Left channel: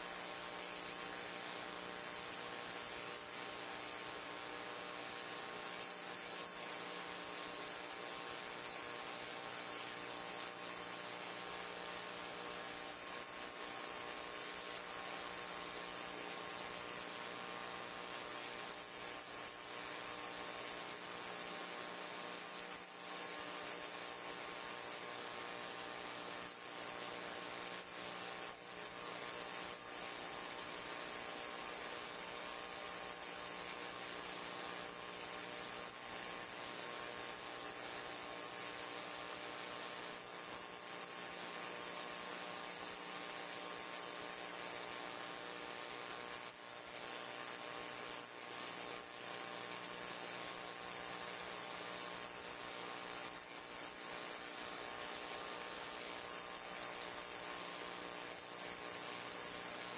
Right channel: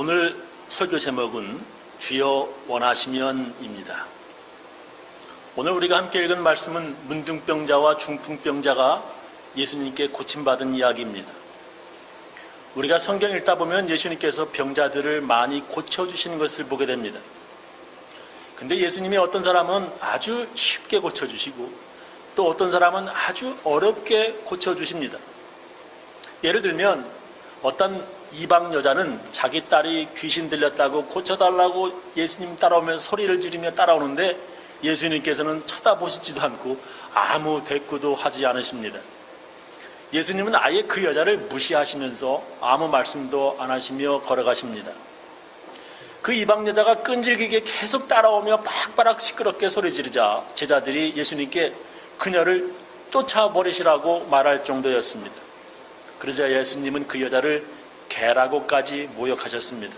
오늘 설교 제목은 주여 원하시면입니다. 오늘 우리가 함께 읽은 말씀은 문둥병자와 중풍병자가 예수님께 고침받은 이야기입니다. 우리가 성경 읽다 보면 예수님께서 병자들을 많이 고쳐주시는 것을 보게 됩니다. 근데 예수님이 어떤 사람은 아주 쉽게 고쳐주시고 또 어떤 사람은 아주 어렵게 고쳐주십니다. 예를 들면 어떤 이방 여자는 자기 딸이 귀신 들렸다고 고쳐달라고 예수님 따라오면서 소리를 지르며 따라오는데 예수님께서는 쳐다보시지도 않고 아무 대꾸도 하지 않으십니다. 예수님은 아예 그 여자를 무시하시면서 아무 말씀도 안 하시며 걸어가십니다. 그 이방 여자가 끈질기게 계속 따라오며 빡빡 시끄럽게 소리 지르자 제자들이 예수님께 그녀를 쫓아버리시라고 말할 정도였습니다. 그러자 예수님은 그 여자를 개라고까지 모욕하셨습니다.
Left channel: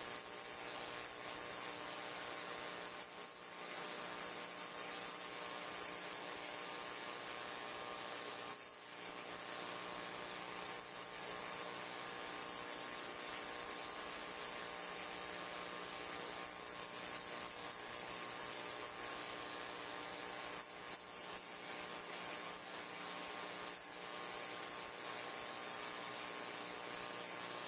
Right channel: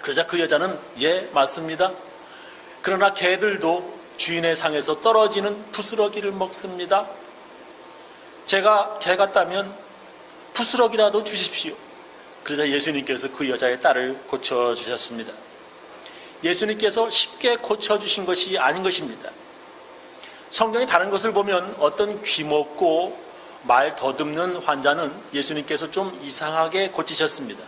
그러자 그 여자는 예, 맞습니다. 그러나 개들도 주인의 상에서 떨어지는 부스러기를 먹습니다. 제가 개 같다면 부스러기라도 주십시오. 그러자 예수님께서 그 여자의 딸을 고쳐주셨습니다. 예수님께서 쉽게 고쳐주신 것이 아닌 것입니다. 성경의 다른 것을 보면 어떤 귀먹고 말 더듬는 환자는 예수님께서 좀 이상하게 고치셨습니다.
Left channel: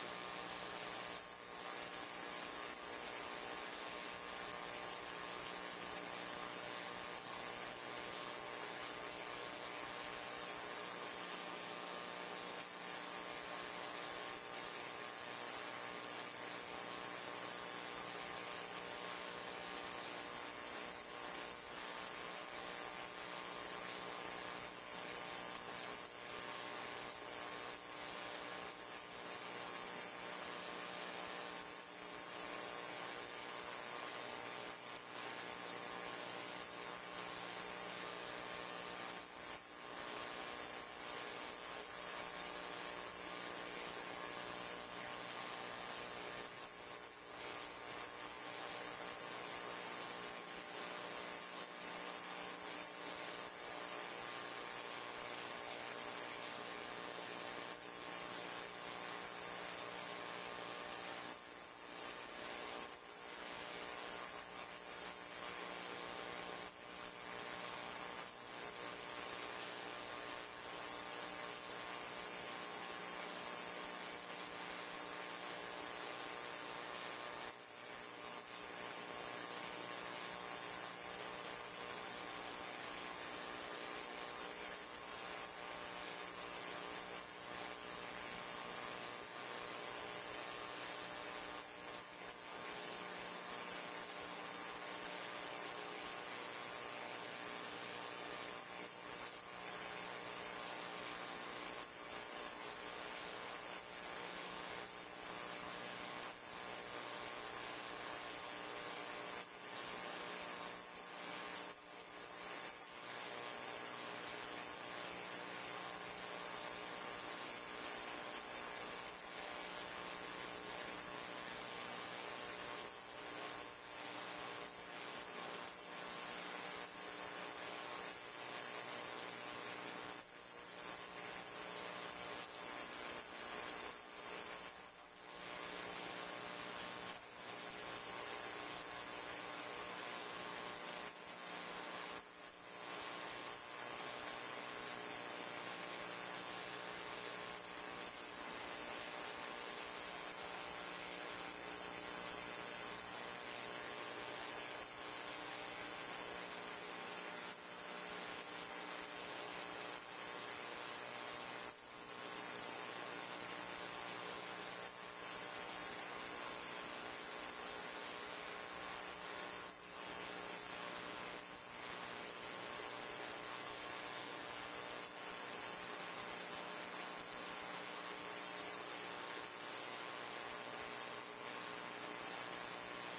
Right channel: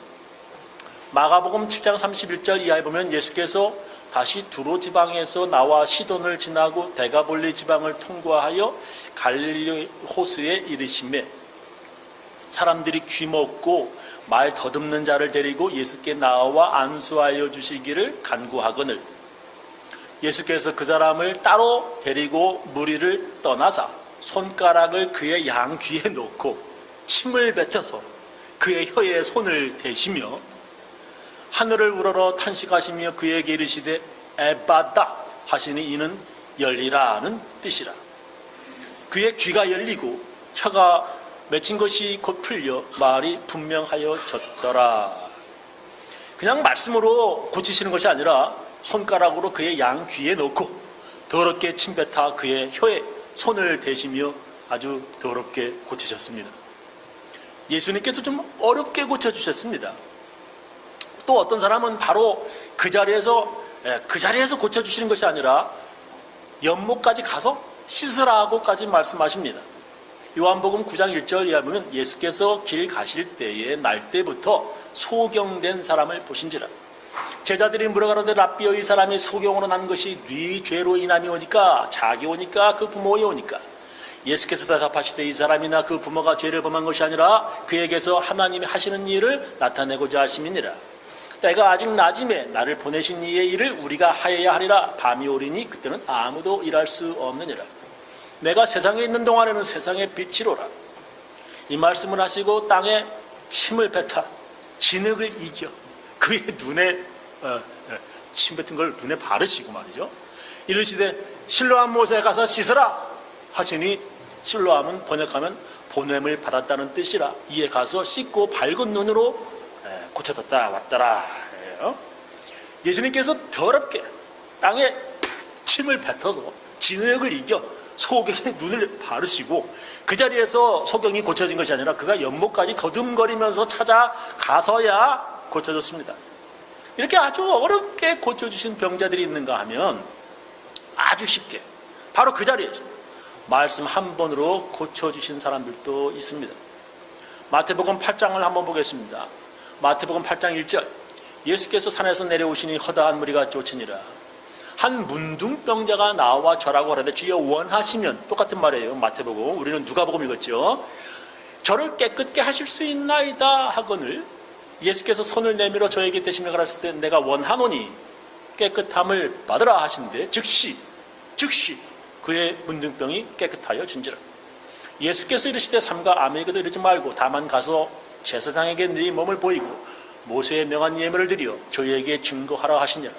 마가복음 7장 31절 이하에 보면 예수께서 다시 두로 지방에서 나와 시돈을 지나고 데가볼리 지방을 통과하여 갈릴리 호수에 이르시매 사람들이 귀먹고 말 더듬는 자를 데리고 예수께 나와 안수하여 주시기를 간구하거늘 예수께서 그 사람을 따로 데리고 무리를 떠나사 손가락을 그의 양귀에 놓고 침을 뱉어서 그의 혀에 손을 대시며 하늘을 우러러 탄식하시며 그에게 이르시되 에바다 하시니 이는 열리라는 뜻이라. 그의 귀가 열리고 혀가 맺힌 것이 곧 풀려 말이 분명하여졌더라. 그냥 말씀으로 고치시는 것이 아니라 손가락으로 그의 양귀에 놓고 더럽게 침뱉어 그의 혀에 손을 대시며 아주 더럽게 고치셨습니다. 예수님께서 좀 어렵게 고쳐주셨습니다. 또 어떤 사람은 바로 그 자리에서 고쳐주시는 것이 아니라 연못까지 가서 씻으라고까지 말씀하십니다. 요한복음 9장 1절 이하에 보면 예수께서 길 가실 때에 날 때부터 소경된 사람을 보신지라. 제자들이 물어가로되 랍비여 이 사람이 소경으로 난 것이 네 죄로 인함이오니까 자기 오니까 그 부모이 오니까 예수께서 대답하시되 이 사람이나 그 부모가 죄를 범한 것이 아니라 그에게서 하나님이 하시는 일을 나타내고자 하심이니라. 때가 아직 낮음에 나를 보내신 이의 일을 우리가 하여야 하리라. 밤이 오리니 그때는 아무도 일할 수 없느니라. 내가 세상에 있는 동안에는 세상의 빛이로라. 이 말씀을 하시고 땅에 침을 뱉어 진흙을 이겨 그의 눈에 침 뱉은 걸 눈에 바르시고 말이죠. 이르시되 실로암 못에 가서 씻으라 하시니 실로암은 번역하면 보냄을 받았다는 뜻이라. 이에 가서 씻고 밝은 눈으로 고쳐졌다 왔더라. 예수님께서 더럽게 땅에 침을 뱉어서 진흙을 이겨 소경의 눈을 바르시고 그 자리에서 소경이 고쳐진 것이 아니라 그가 연못까지 더듬거리면서 찾아가서야 고쳐졌습니다. 이렇게 아주 어렵게 고쳐주신 병자들이 있는가 하면 아주 쉽게 바로 그 자리에서 말씀 한 번으로 고쳐주신 사람들도 있습니다. 마태복음 8장을 한번 보겠습니다. 마태복음 8장 1절 예수께서 산에서 내려오시니 허다한 무리가 쫓으니라. 한 문둥병자가 나와 절하고 하는데 주여 원하시면 똑같은 말이에요. 마태복음 우리는 누가복음 읽었죠. 저를 깨끗게 하실 수 있나이다 하거늘 예수께서 손을 내밀어 저에게 대시며 가라사대 때 내가 원하노니 깨끗함을 받으라 하신데 즉시 그의 문둥병이 깨끗하여 준지라. 예수께서 이르시되 삼가 아무에게도 이르지 말고 다만 가서 제사장에게 네 몸을 보이고 모세의 명한 예물을 드려 저희에게 증거하라 하시니라.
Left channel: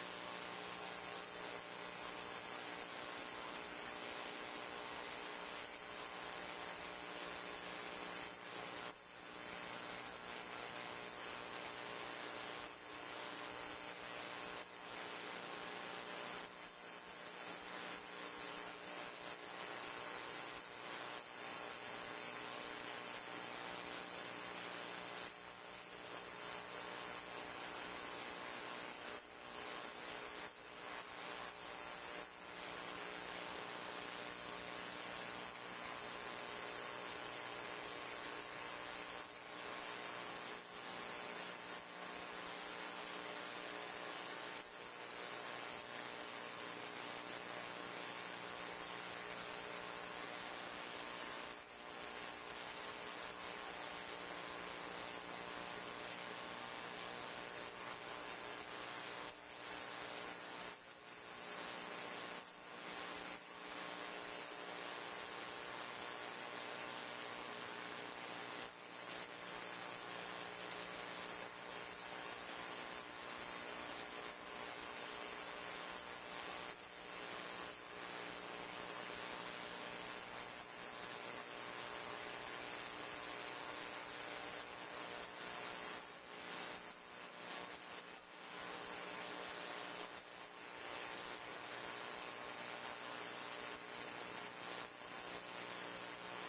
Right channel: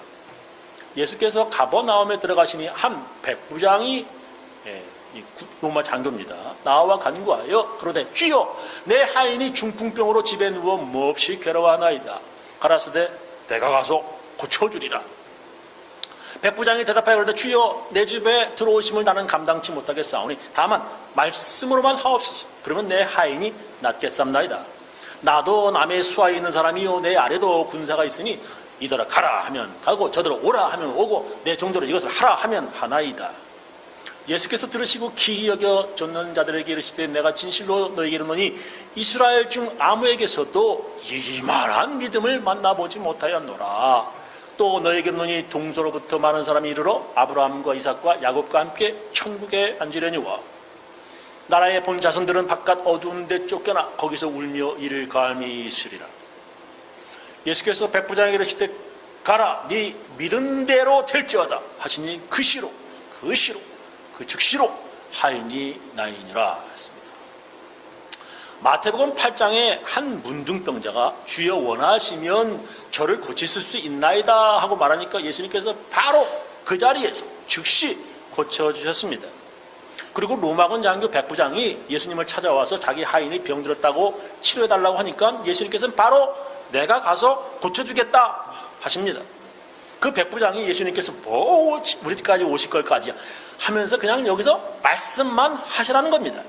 예수께서 가버나움에 들어가시니 한 백부장이 로마 장교입니다. 나와 간구하여 그러되 주여 내 하인이 중풍병으로 집에 누워 몹시 괴로워하나이다. 가라사대 내가 가서 고쳐주리라. 백부장이 대답하여 그러되 주여 내 집에 들어오심을 나는 감당치 못하겠사오니 다만 말씀으로만 하옵소서. 그러면 내 하인이 낫겠삼나이다. 나도 남의 수하에 있는 사람이요 내 아래도 군사가 있으니 이더러 가라 하면 가고 저더러 오라 하면 오고 내 종대로 이것을 하라 하면 하나이다. 예수께서 들으시고 기이 여겨 쫓는 자들에게 이르시되 내가 진실로 너에게 이르노니 이스라엘 중 아무에게서도 이만한 믿음을 만나보지 못하였노라. 또 너에게 이르노니 동서로부터 많은 사람이 이르러 아브라함과 이삭과 야곱과 함께 천국에 앉으려니와 나라의 본 자손들은 바깥 어두운 데 쫓겨나 거기서 울며 이를 갈미 있으리라. 예수께서 백부장에게 이르시되 가라 네 믿은 대로 될지어다 하시니 그 시로 그 즉시로 하인이 나이니라 했습니다. 마태복음 8장에 한 문둥병자가 주여 원하시면 저를 고치실 수 있나이다 하고 말하니까 예수님께서 바로 그 자리에서 즉시 고쳐주셨습니다. 그리고 로마군 장교 백부장이 예수님을 찾아와서 자기 하인이 병들었다고 치료해달라고 하니까 예수님께서는 바로 내가 가서 고쳐주겠다 하십니다. 그 백부장이 예수님께서 뭐 우리 집까지 오실 걸까지 하면서 그냥 여기서 말씀만 하시라는 겁니다.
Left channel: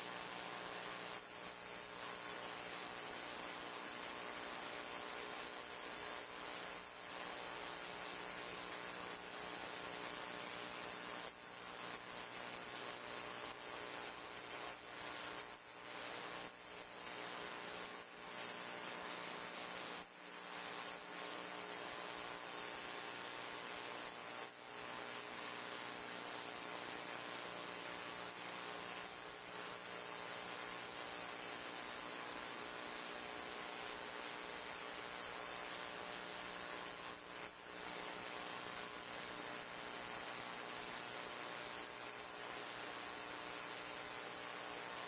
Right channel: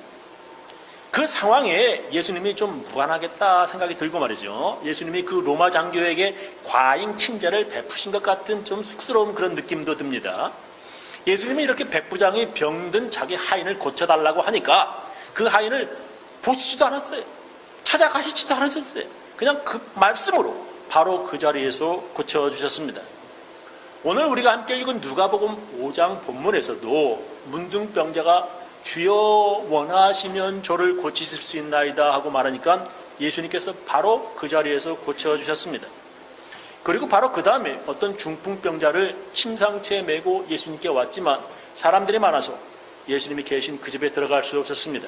그 상황에 예수님이 좀 무관하겠다 생각이 들고 말이죠. 예수님이 그 로마 장교에게 과잉 친절을 베푸신 것 같은 좀 쑥스러운 그런 느낌도 듭니다. 예수님이 이렇게 백부장이 병든 자기 하인을 고쳐달라고 하니까 그 하인을 보시지도 않았어요. 찾아가시지도 않으셨어요. 그냥 그 말씀으로 바로 그 자리에서 고쳐주셨습니다. 오늘 우리가 함께 읽은 누가복음 5장 본문에서도 문둥병자가 주여 원하시면 저를 고치실 수 있나이다 하고 말하니까 예수님께서 바로 그 자리에서 고쳐주셨습니다. 그리고 바로 그 다음에 어떤 중풍병자를 침상체에 메고 예수님께 왔지만 사람들이 많아서 예수님이 계신 그 집에 들어갈 수 없었습니다.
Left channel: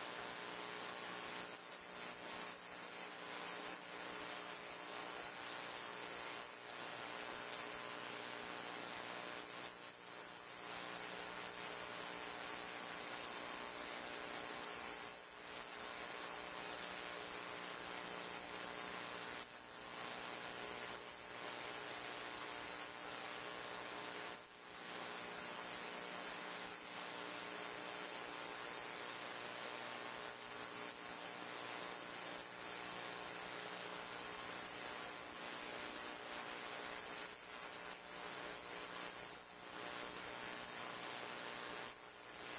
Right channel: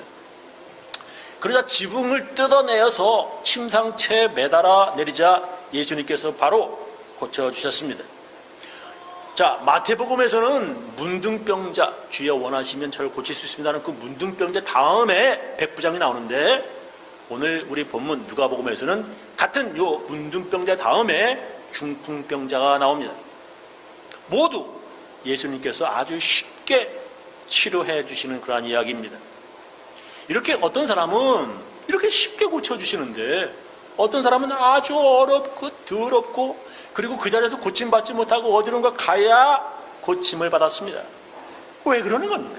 그러자 지붕을 뜯어내어서 침상체에 매달아 내리자 예수님께서 바로 고쳐주셨습니다. 자, 마태복음에서는 문둥병자 주여 원하시면 저를 고칠 수 있습니다는 그 문둥병자 다음에 백부장이 나오는데 오늘 우리 본문 누가복음에서는 같은 요 문둥병자 다음에 중풍병자가 나옵니다. 모두 예수님께서 아주 쉽게 치료해 주시는 그러한 이야기입니다. 이렇게 어떤 사람은 이렇게 쉽게 고쳐주시는데 어떤 사람은 아주 어렵고 더럽고 그리고 그 자리에서 고침받지 못하고 어디론가 가야 고침을 받았습니다. 왜 그러는 겁니까?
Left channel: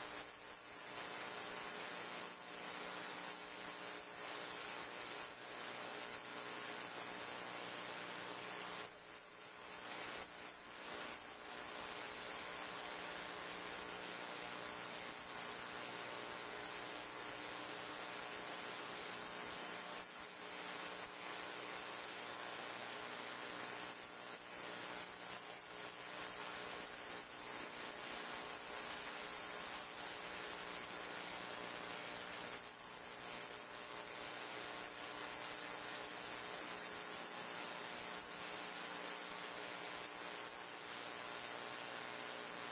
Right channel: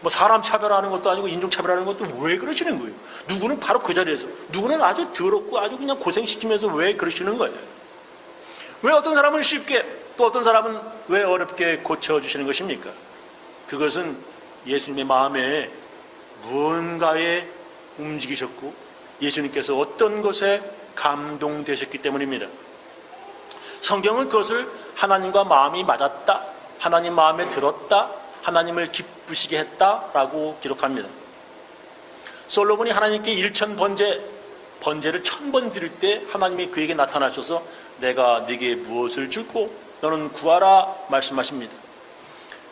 뭐 사람 차별하는 것도 아니고 인종 차별하는 것도 왜 그러시는 거예요? 누구는 바로 그 자리에서 누구는 아주 더럽고 아주 그냥 고생시키면서 왜 그러시는 거예요? 왜 어떤 사람은 쉽게 또 어떤 사람은 왜 어렵게 고쳐주시는 것입니까? 그것은 예수님의 마음에 무언가에 움직이셨고 예수님께서 어떤 것에 감동되셨기 때문입니다. 성경은 그것을 하나님과 마음이 맞았다, 하나님 마음에 들었다, 하나님을 기쁘시게 했다라고 기록합니다. 솔로몬이 하나님께 일천 번제를 1000번 드릴 때 하나님이 그에게 나타나셔서 내가 네게 무엇을 주고 너는 구하라 말씀하십니다.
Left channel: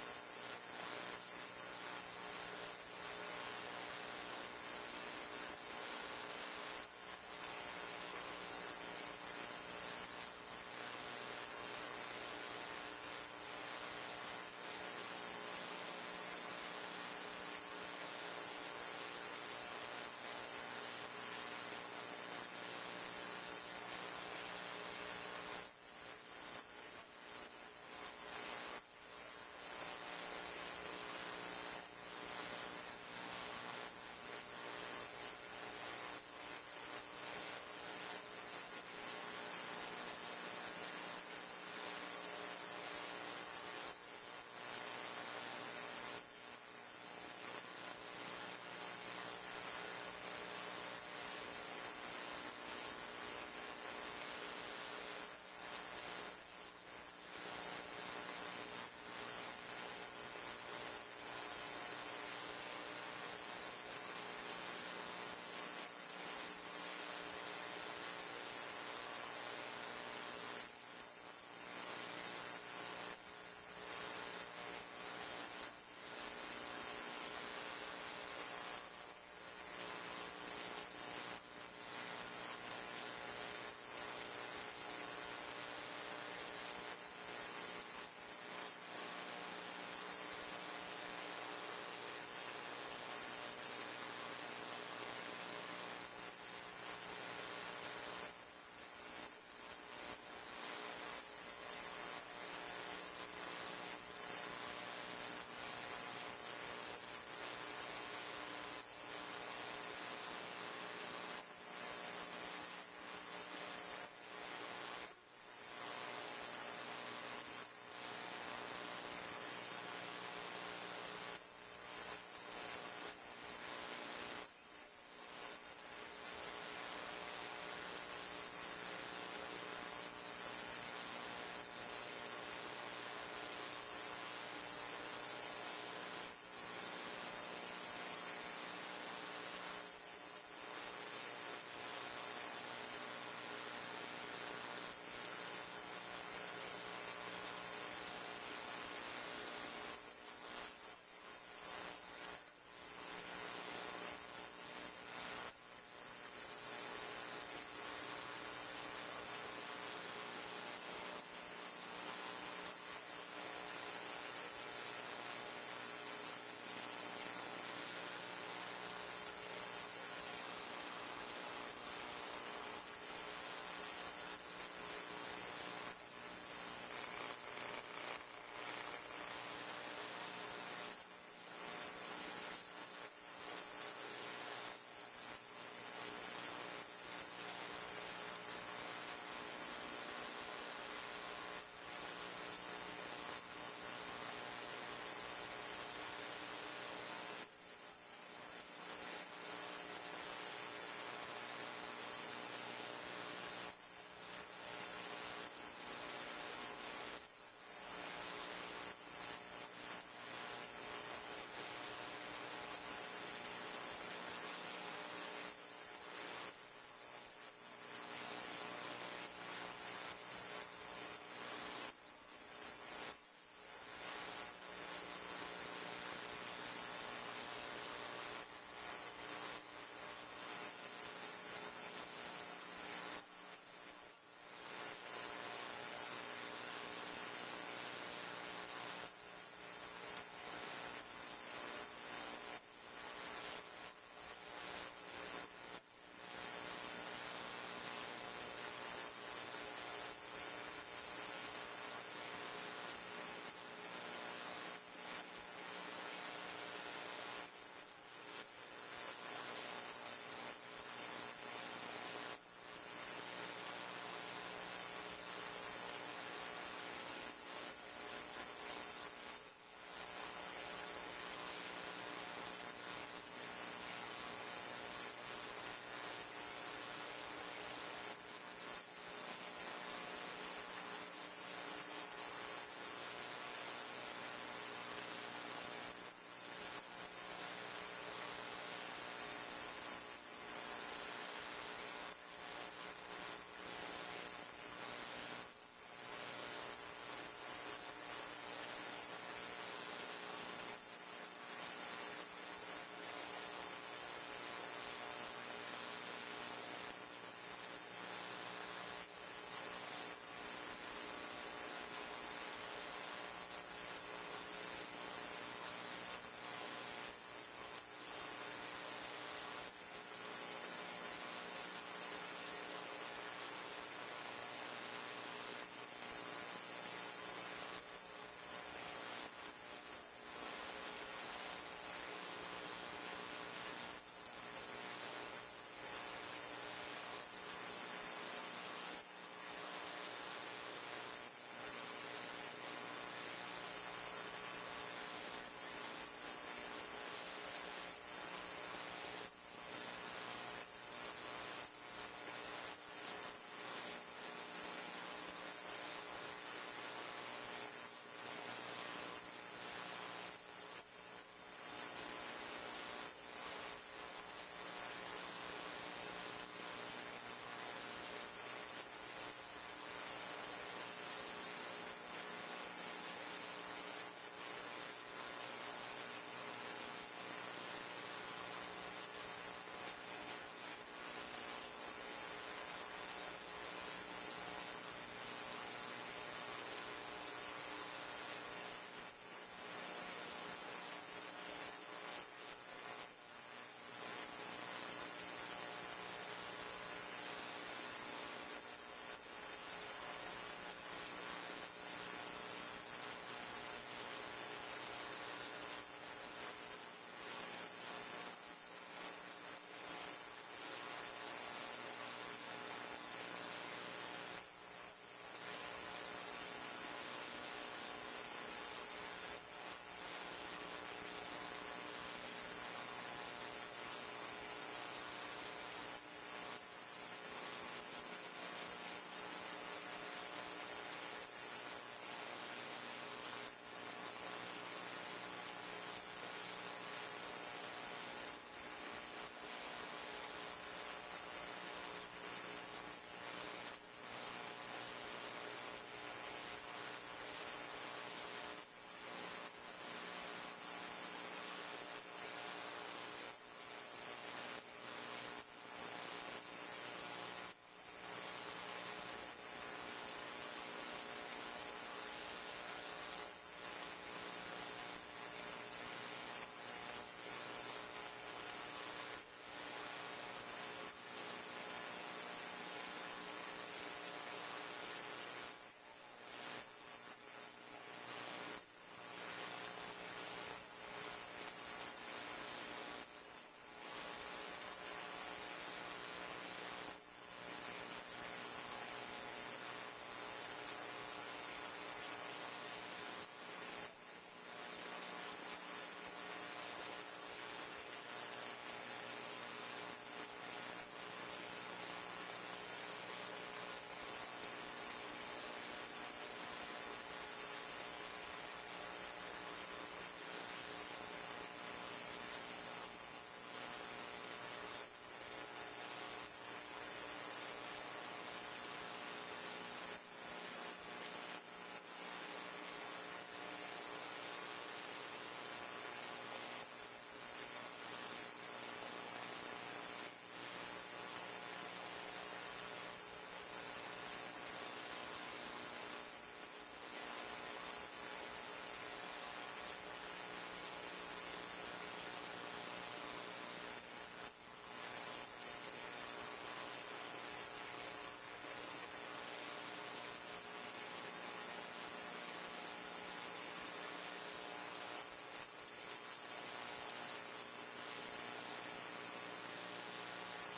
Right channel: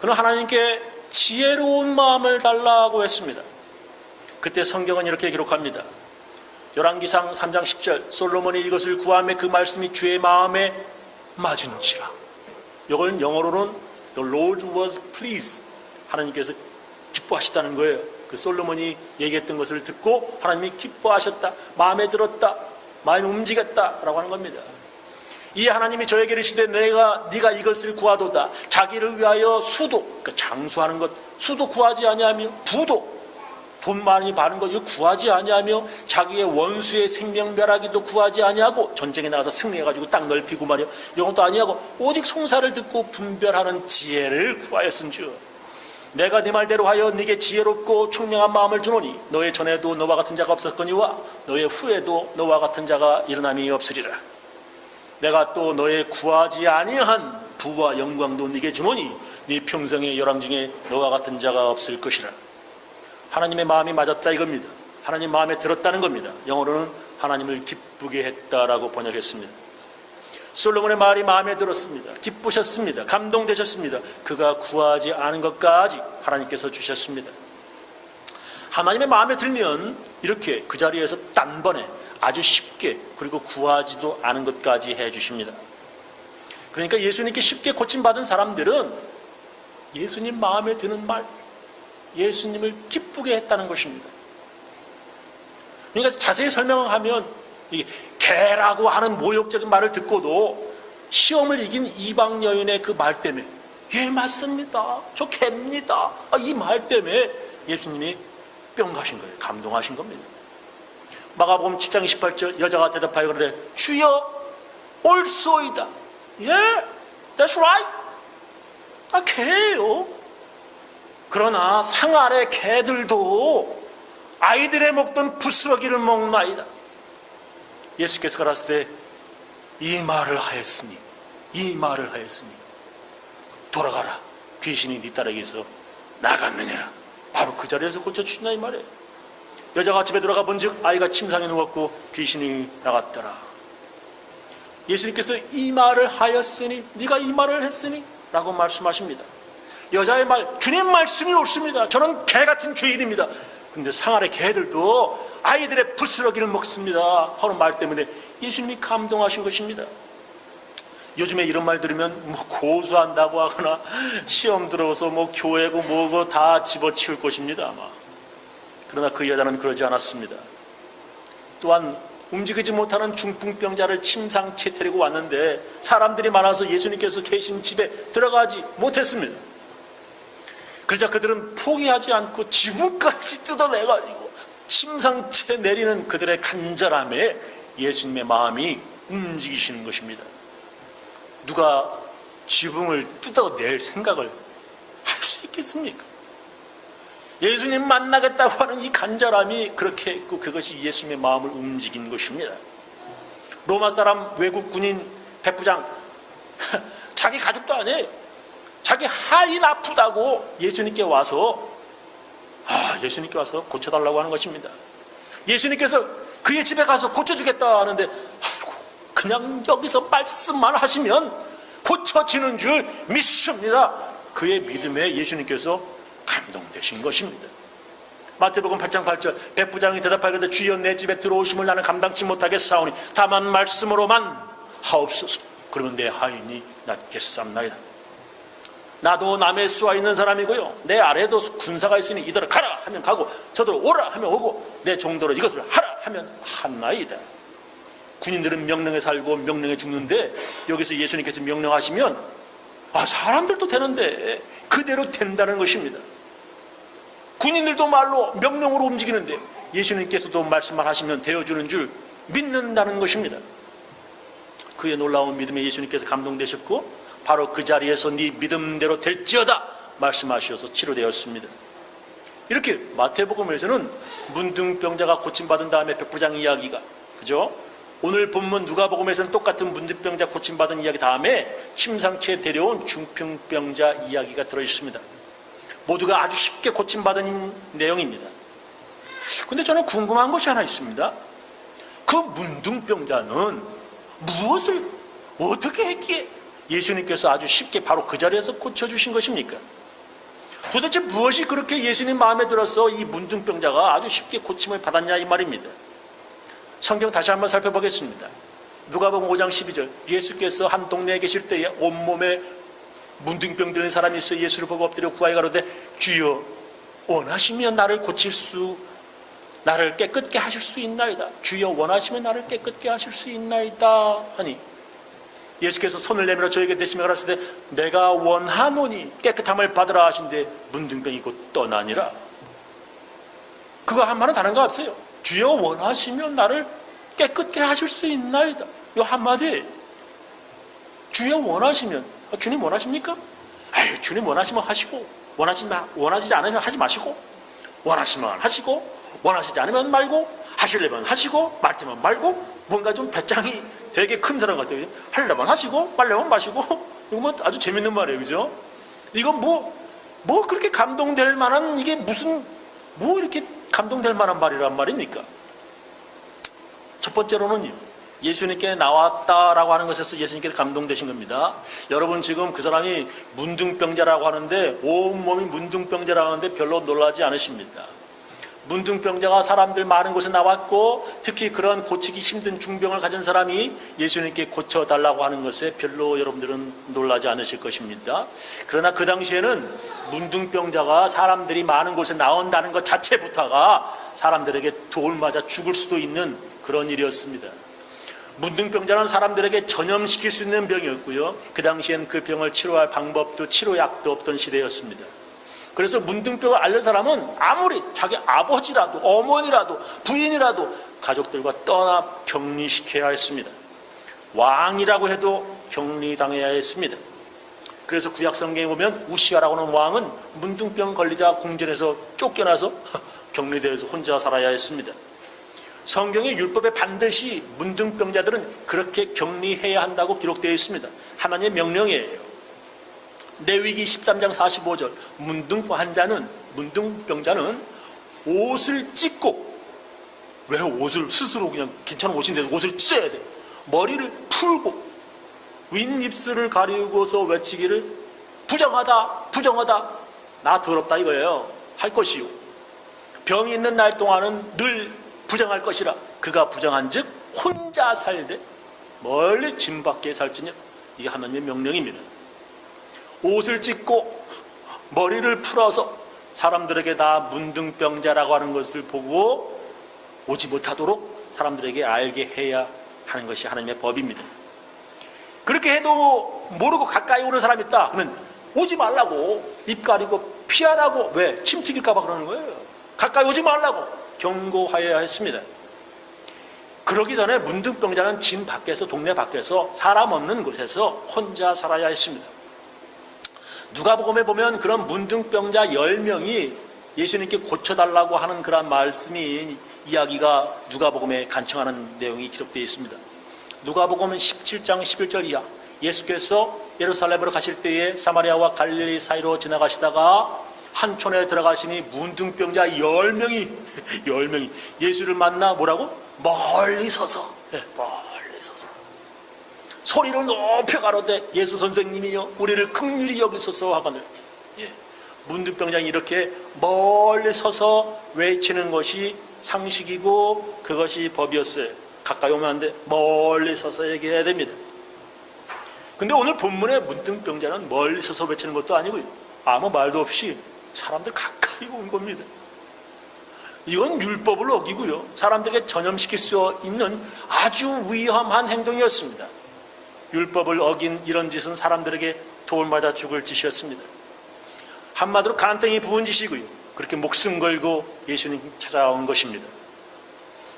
그는 하나님께 지혜로운 마음을 달라고 했습니다. 그때 성경은 이렇게 기록합니다. 열왕기상 3장 10절 솔로몬이 이것을 구하며 그 말씀이 주의 마음에 맞은지라. 이걸 영어로는 The Lord was pleased. 하나님께서 기뻐하시다는 거예요. 그 솔로몬이 얘기했던 것을 듣고 하나님이 기뻐하셨다, 마음에 들었다, 마음이 움직였다라고 하는 겁니다. 이 하나님이 저에게 이르시되 네가 이것을 구하도다. 자기를 위하여 수도, 그러니까 장수하는 것, 수도 구하지 아니하며 부도, 돈 많이 버는 것 이거 구하지 아니하며 자기의 원수의 생명멸하기도 구하지 아니하고 전쟁에 나가서 승리해가지고 땅 넓히고 말이야 이것도 아니하고 오직 송사를 듣고 분별하는 지혜를 구하였은즉 내가 네 말대로 하여 네게 지혜롭고 총명한 마음을 주노니 너의 전에도 너와 같은 자가 없었거니와 너의 후에도 너와 같은 자가 일어남이 없으리라. 내가 또 너의 구하지 아니한 부와 영광도 네게 주노니 네 평생의 열왕 중에 너와 같은 자가 없을 것이라. 하나님의 마음이 맞았다 이겁니다. 하나님 마음에 들었다는 겁니다. 영어로는 하나님을 기쁘게 했다라고 번역했습니다. 솔로몬의 말이 마음에 들었습니다. 기쁘셨습니다. 감동되셨습니다. 그가 구하지 않은 것까지 하나님께서 주셨습니다. 하나님의 마음에 들면 이렇게 그 자리에서 단번에 아주 쉽게 그리고 구하지도 않은 것까지 해주십니다. 그러니까 예수님께 쉽게 고침받은 사람들은 예수님 마음에 드는 말, 예수님을 기쁘게 했다는 것입니다. 그러니까 자세히 설명하면 이 개라고 하는 모욕적인 말을 듣고도 시험을 이긴 이방 여인의 그 말 때문에 예 맞습니다, 저 개입니다, 이 말 때문에 예수님이 뿅 가신 거예요. 감동하신 겁니다. 마가복음 7장 28절 여자가 대답하여 그러되 주여 옳소이다. 예, that's right. 개예요. 그러나 상 아래 개들도 아이들의 먹던 부스러기를 먹나이다. 예수께서 가라사대 이 말을 하였으니 돌아가라, 귀신이 네 딸에게서 나갔느니라. 바로 그 자리에서 고쳐주신다 이 말이에요. 여자가 집에 들어가 본즉 아이가 침상에 누웠고 귀신이 나갔더라. 예수님께서 이 말을 하였으니, 네가 이 말을 했으니 라고 말씀하십니다. 여자의 말, 주님 말씀이 옳습니다. 저는 개 같은 죄인입니다. 그런데 상 아래 개들도 아이들의 부스러기를 먹습니다 하는 말 때문에 예수님이 감동하신 것입니다. 요즘에 이런 말 들으면 뭐 고소한다고 하거나 시험 들어서 뭐 교회고 뭐고 다 집어치울 것입니다 아마. 그러나 그 여자는 그러지 않았습니다. 또한 움직이지 못하는 중풍병자를 침상채 데리고 왔는데 사람들이 많아서 예수님께서 계신 집에 들어가지 못했습니다. 그러자 그들은 포기하지 않고 지붕까지 뜯어내가지고 침상채 내리는 그들의 간절함에 예수님의 마음이 움직이시는 것입니다. 누가 지붕을 뜯어낼 생각을 할 수 있겠습니까? 예수님 만나겠다고 하는 이 간절함이 그렇게 했고 그것이 예수님의 마음을 움직인 것입니다. 로마 사람 외국 군인 백부장, 자기 가족도 아니에요. 자기 하인 아프다고 예수님께 와서 고쳐달라고 하는 것입니다. 예수님께서 그의 집에 가서 고쳐주겠다 하는데 그냥 여기서 말씀만 하시면 고쳐지는 줄 믿습니다. 그의 믿음에 예수님께서 감동되신 것입니다. 마태복음 8장 8절 백부장이 대답하기를 주여 내 집에 들어오심을 나는 감당치 못하겠사오니 다만 말씀으로만 하옵소서. 그러면 내 하인이 낫겠사옵나이다. 나도 남의 수하 있는 사람이고요, 내 아래도 군사가 있으니 이더러 가라 하면 가고 저더러 오라 하면 오고 내 종더러 이것을 하라 하면 하나이다. 군인들은 명령에 살고 명령에 죽는데 여기서 예수님께서 명령하시면 사람들도 되는데 그대로 된다는 것입니다. 군인들도 말로 명령으로 움직이는데 예수님께서도 말씀만 하시면 되어주는 줄 믿는다는 것입니다. 그의 놀라운 믿음에 예수님께서 감동되셨고 바로 그 자리에서 네 믿음대로 될지어다 말씀하셔서 치료되었습니다. 이렇게 마태복음에서는 문둥병자가 고침받은 다음에 백부장 이야기가, 그죠? 오늘 본문 누가복음에서는 똑같은 문둥병자 고침받은 이야기 다음에 침상채에 데려온 중풍병자 이야기가 들어있습니다. 모두가 아주 쉽게 고침받은 내용입니다. 그런데 저는 궁금한 것이 하나 있습니다. 그 문둥병자는 무엇을 어떻게 했기에 예수님께서 아주 쉽게 바로 그 자리에서 고쳐주신 것입니까? 도대체 무엇이 그렇게 예수님 마음에 들어서 이 문둥병자가 아주 쉽게 고침을 받았냐 이 말입니다. 성경 다시 한번 살펴보겠습니다. 누가복음 5장 12절 예수께서 한 동네에 계실 때에 온몸에 문둥병 들린 사람이 있어 예수를 보고 엎드려 구하여 가로되 주여 원하시면 나를 깨끗게 하실 수 있나이다. 주여 원하시면 나를 깨끗게 하실 수 있나이다 하니 예수께서 손을 내밀어 저에게 대시며 가라사대 내가 원하노니 깨끗함을 받으라 하신데 문둥병이 곧 떠나니라. 그거 한마디는 다른 거 없어요. 주여 원하시면 나를 깨끗게 하실 수 있나이다. 이 한마디. 주여 원하시면, 주님 원하십니까? 주님 원하시면 하시고 원하시지 않으면 하지 마시고, 원하시면 하시고 원하시지 않으면 말고, 하시려면 하시고 말지만 말고, 뭔가 좀 배짱이 되게 큰 사람 같아요. 하려면 하시고 말려면 마시고. 이거 뭐 아주 재밌는 말이에요, 그죠? 이건 뭐 그렇게 감동될 만한, 이게 무슨 뭐 이렇게 감동될 만한 말이란 말입니까? 첫 번째로는 예수님께 나왔다라고 하는 것에서 예수님께 감동되신 겁니다. 여러분 지금 그 사람이 문둥병자라고 하는데, 온몸이 문둥병자라고 하는데 별로 놀라지 않으십니까? 문둥병자가 사람들 많은 곳에 나왔고 특히 그런 고치기 힘든 중병을 가진 사람이 예수님께 고쳐달라고 하는 것에 별로 여러분들은 놀라지 않으실 것입니다. 그러나 그 당시에는 문둥병자가 사람들이 많은 곳에 나온다는 것 자체부터가 사람들에게 돌 맞아 죽을 수도 있는 그런 일이었습니다. 문둥병자는 사람들에게 전염시킬 수 있는 병이었고요. 그 당시엔 그 병을 치료할 방법도 치료약도 없던 시대였습니다. 그래서 문둥병을 앓는 사람은 아무리 자기 아버지라도 어머니라도 부인이라도 가족들과 떠나 격리시켜야 했습니다. 왕이라고 해도 격리당해야 했습니다. 그래서 구약 성경에 보면 우시아라고 하는 왕은 문둥병 걸리자 궁전에서 쫓겨나서 격리되어서 혼자 살아야 했습니다. 성경의 율법에 반드시 문둥병자들은 그렇게 격리해야 한다고 기록되어 있습니다. 하나님의 명령이에요. 레위기 13장 45절 문둥병자는 옷을 찢고, 왜 옷을 스스로 그냥 괜찮은 옷인데 옷을 찢어야 돼. 머리를 풀고 윗입술을 가리고서 외치기를 부정하다 부정하다 나 더럽다 이거예요. 할 것이요. 병이 있는 날 동안은 늘 부정할 것이라 그가 부정한 즉 혼자 살되 멀리 짐 밖에 살지니 이게 하나님의 명령입니다. 옷을 찢고 머리를 풀어서 사람들에게 다 문둥병자라고 하는 것을 보고 오지 못하도록 사람들에게 알게 해야 하는 것이 하나님의 법입니다. 그렇게 해도 모르고 가까이 오는 사람이 있다 그러면 오지 말라고, 입 가리고 피하라고. 왜? 침 튀길까 봐 그러는 거예요. 가까이 오지 말라고 경고하여야 했습니다. 그러기 전에 문둥병자는 집 밖에서, 동네 밖에서 사람 없는 곳에서 혼자 살아야 했습니다. 누가복음에 보면 그런 문둥병자 10명이 예수님께 고쳐달라고 하는 그런 말씀이, 이야기가 누가복음에 간청하는 내용이 기록되어 있습니다. 누가복음은 17장 11절 이하, 예수께서 예루살렘으로 가실 때에 사마리아와 갈릴리 사이로 지나가시다가 한 촌에 들어가시니 문둥병자 10명이 예수를 만나 뭐라고? 멀리 서서, 멀리 서서 소리를 높여 가로되 예수 선생님이여 우리를 긍휼히 여기소서 하거늘. 문둥병자는 이렇게 멀리 서서 외치는 것이 상식이고 그것이 법이었어요. 가까이 오면 안 돼. 멀리 서서 얘기해야 됩니다. 근데 오늘 본문의 문둥병자는 멀리 서서 외치는 것도 아니고요, 아무 말도 없이 사람들 가까이 온 겁니다. 이건 율법을 어기고요, 사람들에게 전염시킬 수 있는 아주 위험한 행동이었습니다. 율법을 어긴 이런 짓은 사람들에게 돌 맞아 죽을 짓이었습니다. 한마디로 간땡이 부은 짓이고요, 그렇게 목숨 걸고 예수님 찾아온 것입니다.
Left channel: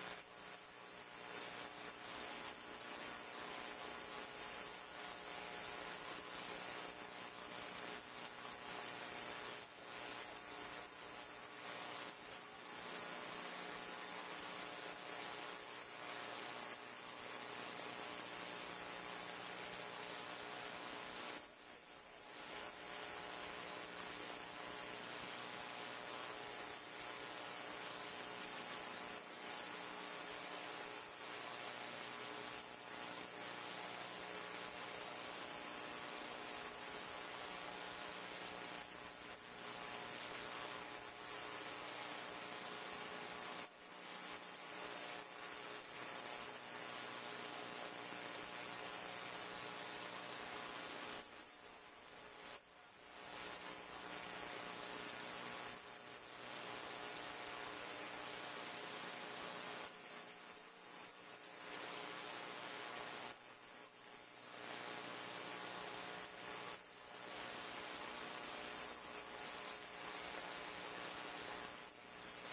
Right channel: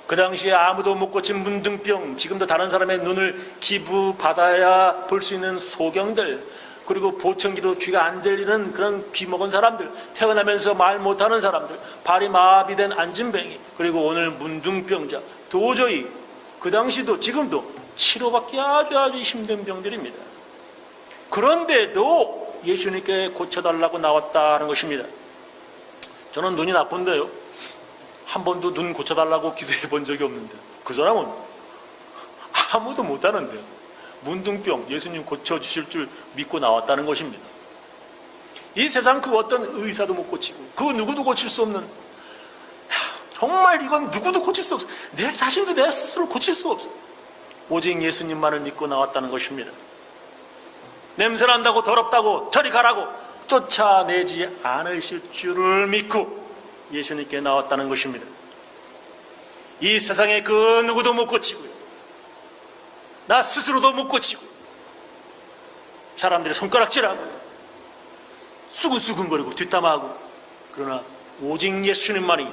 그 당시에 아무도 못 고친 문둥병, 지금도 다른 사람의 눈을 기부받아야 볼 수 있는 소경들, 그리고 보청기로 귀가 안 들리는 그런 귀 먹은 사람들, 태어나면서 말 못하는 사람들, 발이 마비된 안진뱅이, 그리고 오늘 문둥병자, 도저히 그 당시도 지금도 치료받기 아주 힘든 병들입니다. 그런데도 예수님께 고쳐달라고 나왔다는 것입니다. 저는 눈이 나쁜데요, 한 번도 눈 고쳐달라고 기도해 본 적이 없는데 그 사람은 아무도 못하는데 문둥병 예수님 고쳐주실 줄 믿고 나왔다는 것입니다. 이 세상 그 어떤 의사도 못 고치고 그 누구도 고칠 수 없는, 정말 이건 누구도 고칠 수 없어. 내 자신도 내 스스로 고칠 수가 없어. 오직 예수님만을 믿고 나왔다는 것입니다. 냄새난다고 더럽다고 저리 가라고 쫓아내지 않으실 줄을 믿고 예수님께 나왔다는 것입니다. 이 세상에 그 누구도 못 고치고요, 나 스스로도 못 고치고, 사람들이 손가락질하고 수근수근거리고 뒷담화하고, 그러나 오직 예수님만이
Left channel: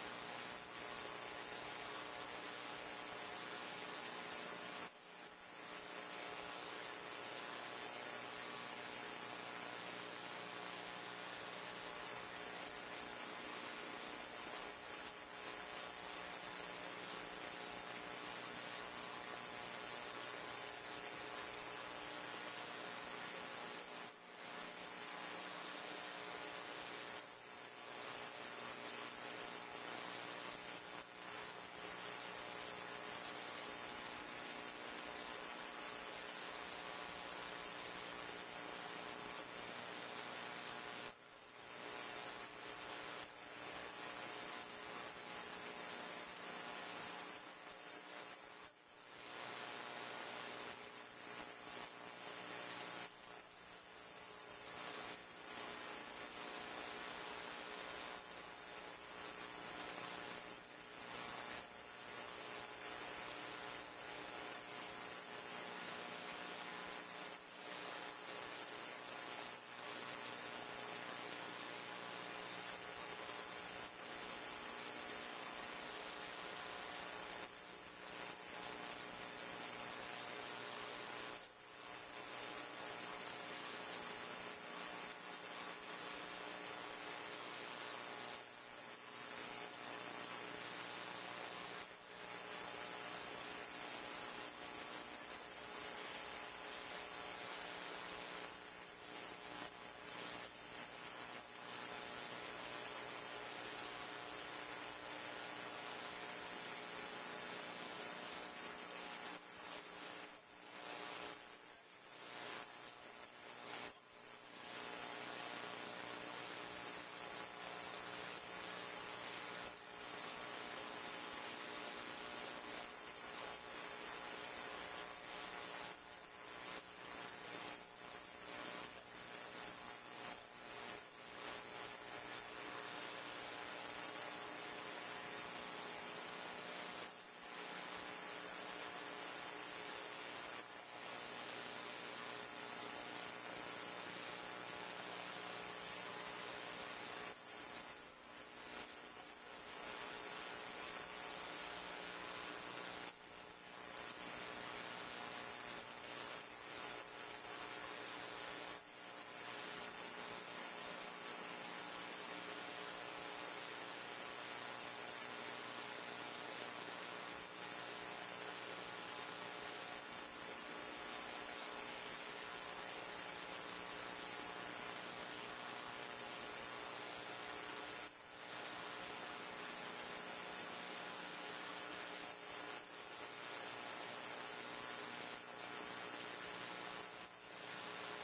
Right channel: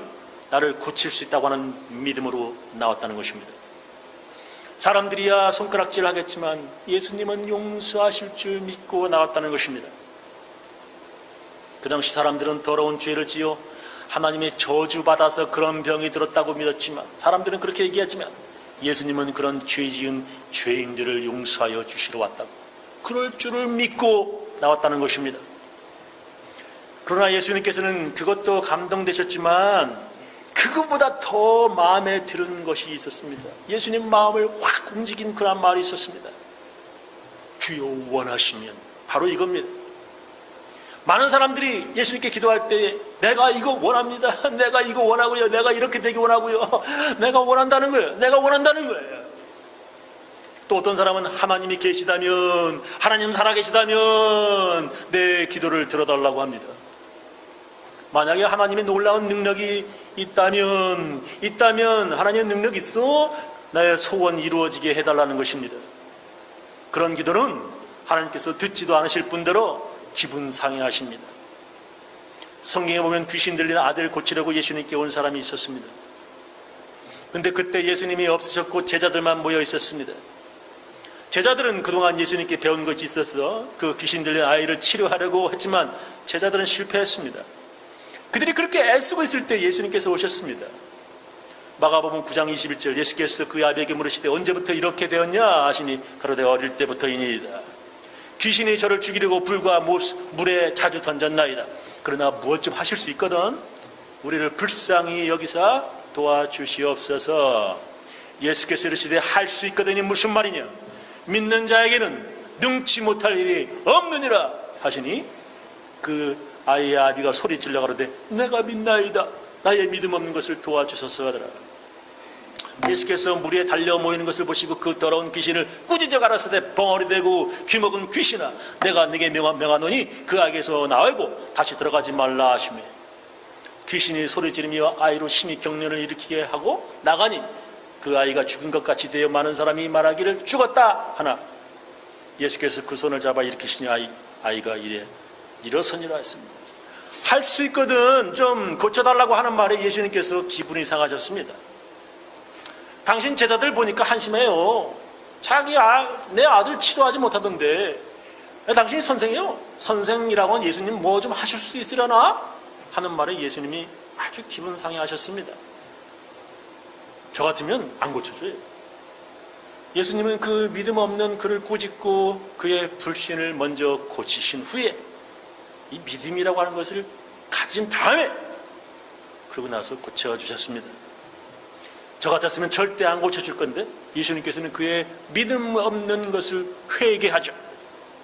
나를 고칠 수 있다고 하는 믿음으로 나왔다는 것입니다. 사람들이야 손가락질 하겠지만 예수님은 용서하실 줄 믿고 나왔다는 것입니다. 그 당시 사람들은 더러운 죄를 지어 하나님의 저주받아서 그런 병이 들었다고 믿었지만, 사람들은 그렇게 얘기하지만 예수님은 그런 죄 지은 죄인들을 용서하여 주시러 왔다고, 그럴 줄을 믿고 나왔다는 것입니다. 그러나 예수님께서는 그것도 감동되셨지만 그것보다 더 마음에 드는 것이 있었습니다. 예수님 마음을 확 움직인 그런 말이 있었습니다. 주여 원하시면, 바로 이겁니다. 많은 사람들이 예수님께 기도할 때 내가 이거 원합니다, 내가 이거 원하고요, 내가 이렇게 되기 원하고요, 내가 원한다는 거예요, 내가 원한다는 거예요. 또 어떤 사람은 하나님이 계시다면, 하나님 살아계시다면 내 기도를 들어달라고 합니다. 만약에 하나님의 놀라운 능력이 있다면 하나님의 능력이 있어? 나의 소원 이루어지게 해달라는 것입니다. 그런 기도는 하나님께서 듣지도 않으실 뿐더러 기분 상해하십니다. 성경에 보면 귀신 들린 아들 고치려고 예수님께 온 사람이 있었습니다. 근데 그때 예수님이 없으셨고 제자들만 모여 있었습니다. 제자들은 그동안 예수님께 배운 것이 있어서 그 귀신 들린 아이를 치료하려고 했지만 제자들은 실패했습니다. 그들이 그렇게 애쓰고 있을 때 예수님께서 오셨습니다. 마가복음 9장 21절, 예수께서 그 아비에게 물으시되 언제부터 이렇게 되었냐 하시니 가로되 어릴 때부터이니이다. 귀신이 저를 죽이려고 불과 물에 자주 던졌나이다. 그러나 무엇 좀 하실 수 있거든. 우리를 불쌍히 여기사 도와주시옵소서. 예수께서 이르시되 할 수 있거든이 무슨 말이냐, 믿는 자에게는 능치 못할 일이 없느니라 하시니 그 아이의 아비가 소리 질러 가로되 내가 믿나이다. 나의 믿음 없는 것을 도와주소서 하더라. 예수께서 물에 달려 모이는 것을 보시고 그 더러운 귀신을 꾸짖어 가라사대 벙어리 대고 귀먹은 귀신아, 내가 네게 명하노니 그 아이에게서 나오고 다시 들어가지 말라 하시며, 귀신이 소리 지르며 아이로 심히 경련을 일으키게 하고 나가니 그 아이가 죽은 것 같이 되어 많은 사람이 말하기를 죽었다 하나 예수께서 그 손을 잡아 일으키시니 아이가 이래 일어서니라 했습니다. 할 수 있거든 좀 고쳐달라고 하는 말에 예수님께서 기분이 상하셨습니다. 당신 제자들 보니까 한심해요. 내 아들 치료하지 못하던데 당신이 선생이요? 선생이라고 하는 예수님 뭐 좀 하실 수 있으려나? 하는 말에 예수님이 아주 기분 상해하셨습니다. 저 같으면 안 고쳐줘요. 예수님은 그 믿음 없는 그를 꾸짖고 그의 불신을 먼저 고치신 후에 이 믿음이라고 하는 것을 가진 다음에 그러고 나서 고쳐주셨습니다. 저 같았으면 절대 안 고쳐줄 건데 예수님께서는 그의 믿음 없는 것을 회개하죠.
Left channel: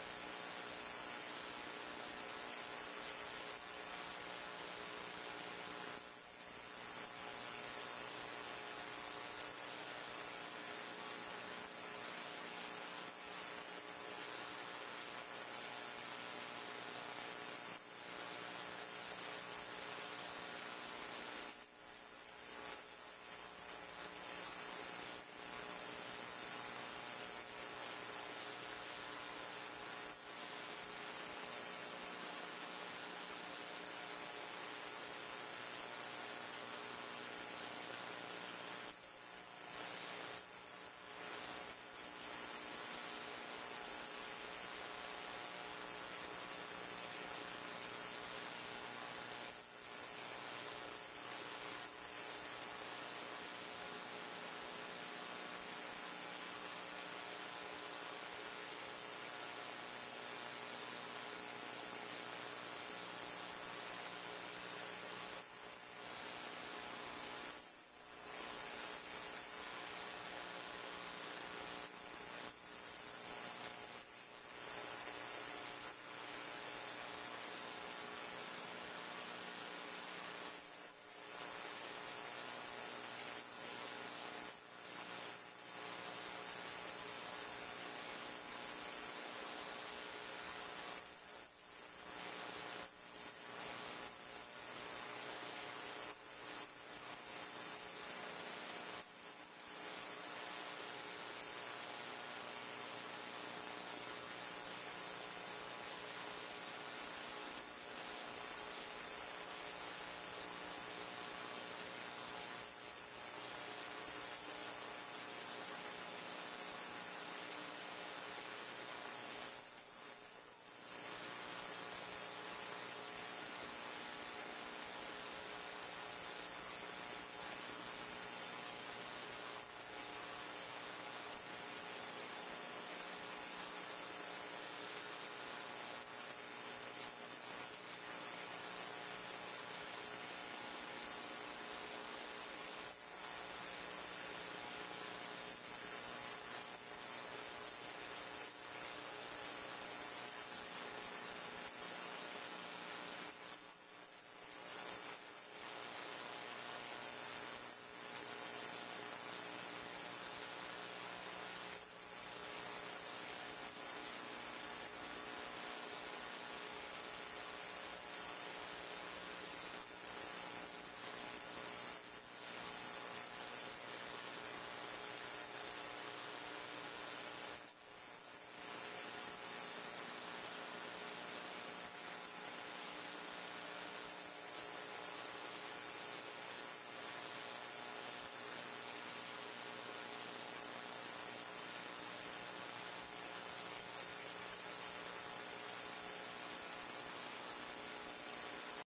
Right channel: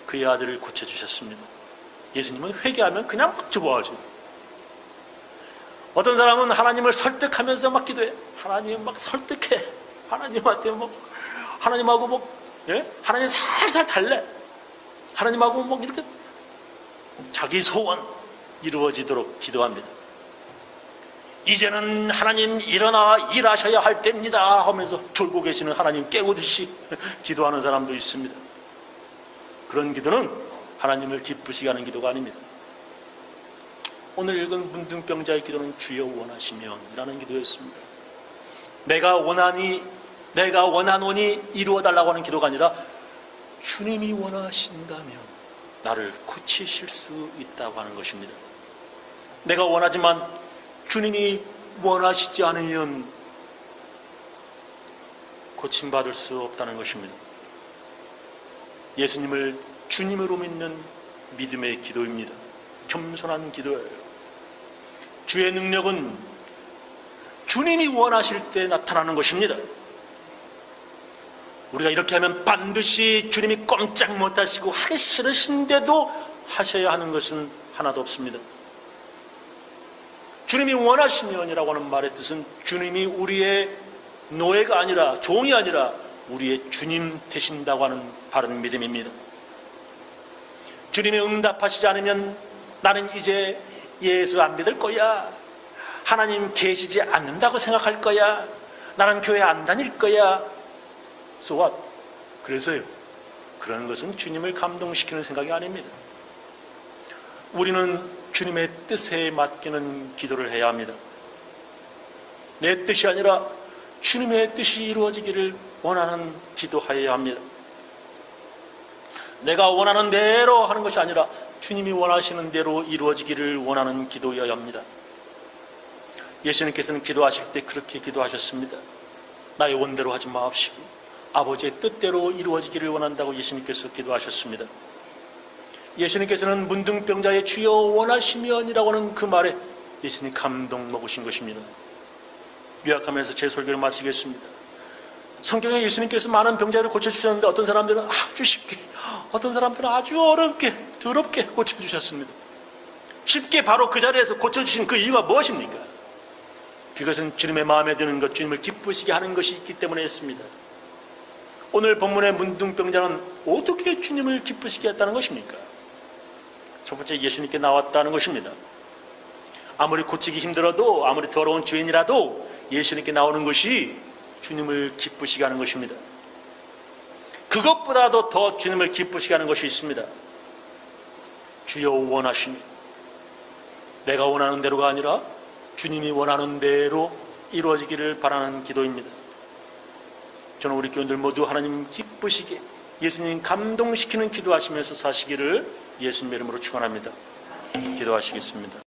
그의 아들을 고쳐주셨습니다. 예수님은 회개하면 그냥 막 좋아하죠. 어떤 사람은 하나님을 설득하면서 막 기도해. 하나님 막 설득해. 하나님한테 뭐 하나님하고 뭐 하나님 살살 달래. 하나님하고 뭐 이렇게 자기 소원 이루어지도록 기도합니다. 이제는 하나님 일어나 일하셔야 할 때입니다 하면서 졸고 계시는 하나님 깨우듯이 기도하는 사람도 있습니다. 그런 기도는 하나님을 기쁘시게 하는 기도가 아닙니다. 오늘 읽은 문둥병자의 기도는 주여 원하시면 라는 기도였습니다. 내가 원하노니 이루어달라고 하는 기도가 아니라 주님이 원하신다면 나를 고치실 수 있다고 하는 것입니다. 내가 원하지만 주님이 원하시지 않으면 고침받을 수 없다는 것입니다. 예수님을 주님으로 믿는 믿음의 기도입니다. 겸손한 기도예요. 주의 능력은 주님이 원하실 때 나타나는 것입니다. 우리가 이렇게 하면 반드시 주님이 꼼짝 못하시고 하기 싫으신데도 하셔야 하는 것은 하나도 없습니다. 주님이 원하시면이라고 하는 말의 뜻은 주님이 우리의 노예가 아니라 종이 아니라 우리의 주님 되신다고 하는 바른 믿음입니다. 주님이 응답하시지 않으면 나는 이제 예수 안 믿을 거야, 하나님 계시지 않는다고 생각할 거야, 나는 교회 안 다닐 거야, so what? 그래서요, 그런 것은 주님을 감동시키는 생각이 아닙니다. 우리는 주님의 뜻에 맡기는 기도를 해야 합니다. 내 뜻이 아니라 주님의 뜻이 이루어지기를 원하는 기도하여야 합니다. 내가 원하는 대로 하는 것이 아니라 주님이 원하시는 대로 이루어지기를 원하는 기도여야 합니다. 예수님께서는 기도하실 때 그렇게 기도하셨습니다. 나의 원대로 하지 마옵시고 아버지의 뜻대로 이루어지기를 원한다고 예수님께서 기도하셨습니다. 예수님께서는 문둥병자의 주여 원하시면이라고 하는 그 말에 예수님 감동 먹으신 것입니다. 요약하면서 제 설교를 마치겠습니다. 성경에 예수님께서 많은 병자를 고쳐주셨는데 어떤 사람들은 아주 쉽게, 어떤 사람들은 아주 어렵게, 더럽게 고쳐주셨습니다. 쉽게 바로 그 자리에서 고쳐주신 그 이유가 무엇입니까? 그것은 주님의 마음에 드는 것, 주님을 기쁘시게 하는 것이 있기 때문이었습니다. 오늘 본문의 문둥병자는 어떻게 주님을 기쁘시게 했다는 것입니까? 첫 번째, 예수님께 나왔다는 것입니다. 아무리 고치기 힘들어도, 아무리 더러운 죄인이라도 예수님께 나오는 것이 주님을 기쁘시게 하는 것입니다. 그것보다도 더 주님을 기쁘시게 하는 것이 있습니다. 주여 원하시니, 내가 원하는 대로가 아니라 주님이 원하는 대로 이루어지기를 바라는 기도입니다. 저는 우리 교인들 모두 하나님 기쁘시게, 예수님 감동시키는 기도하시면서 사시기를 예수님 이름으로 축원합니다. 기도하시겠습니다.